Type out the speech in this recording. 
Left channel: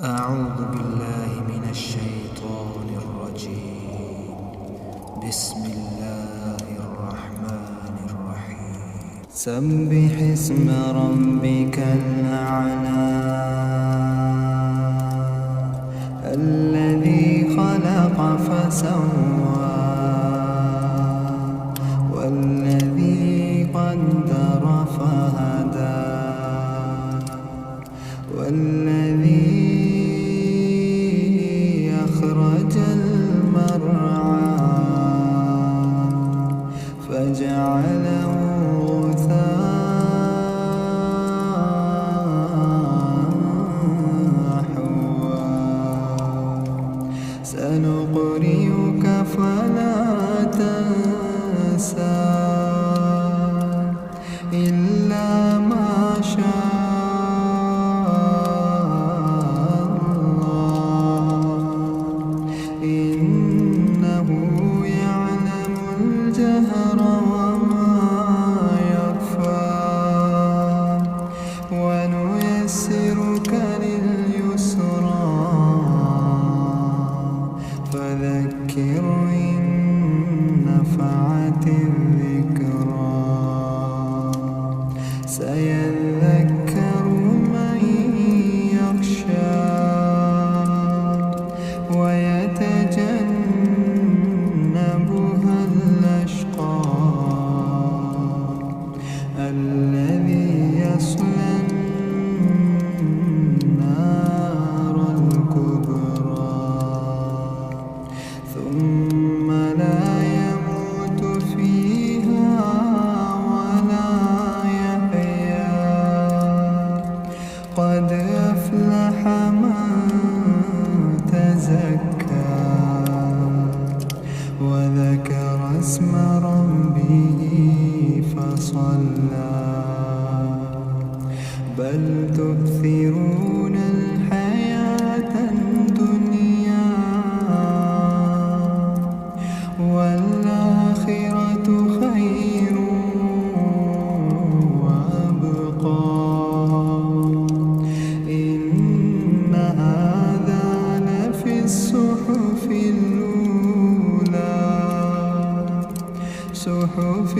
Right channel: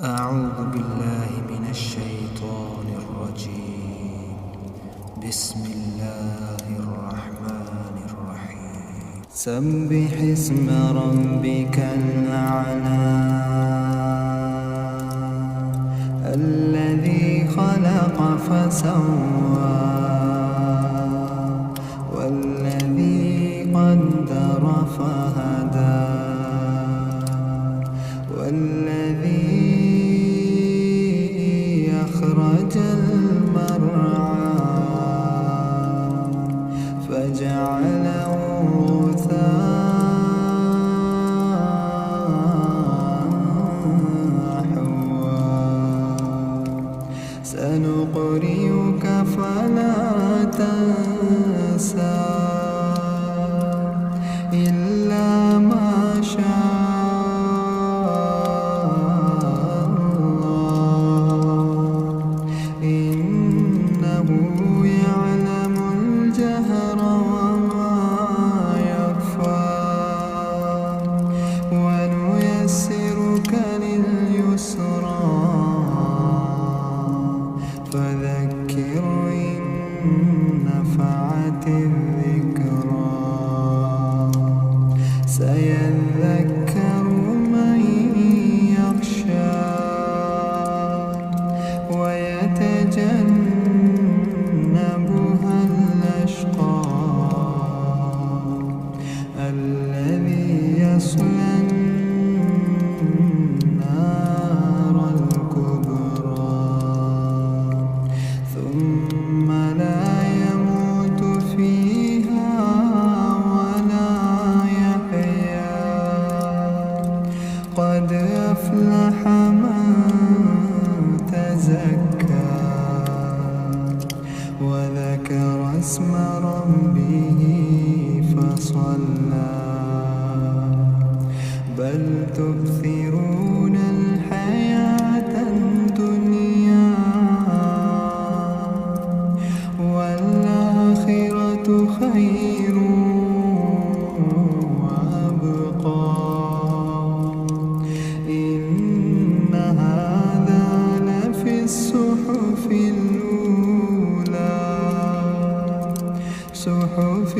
أعوذ بالله من الشيطان الرجيم. بسم الله الرحمن الرحيم. سبح اسم ربك الأعلى الذي خلق فسوى والذي قدر فهدى والذي أخرج المرعى فجعله غثاء أحوى سنقرئك فلا تنسى إلا ما شاء إنه يعلم الجهر وما يخفى ونيسرك لليسرى فذكر إن نفعت الذكرى سيذكر من يخشى ويتجنبها الأشقى الذي يصلى النار الكبرى ثم لا يموت فيها ولا يحيا قد أفلح من تزكى وذكر اسم ربه فصلى بل تؤثرون الحياة الدنيا والآخرة خير وأبقى إن هذا لفي الصحف الأولى صحف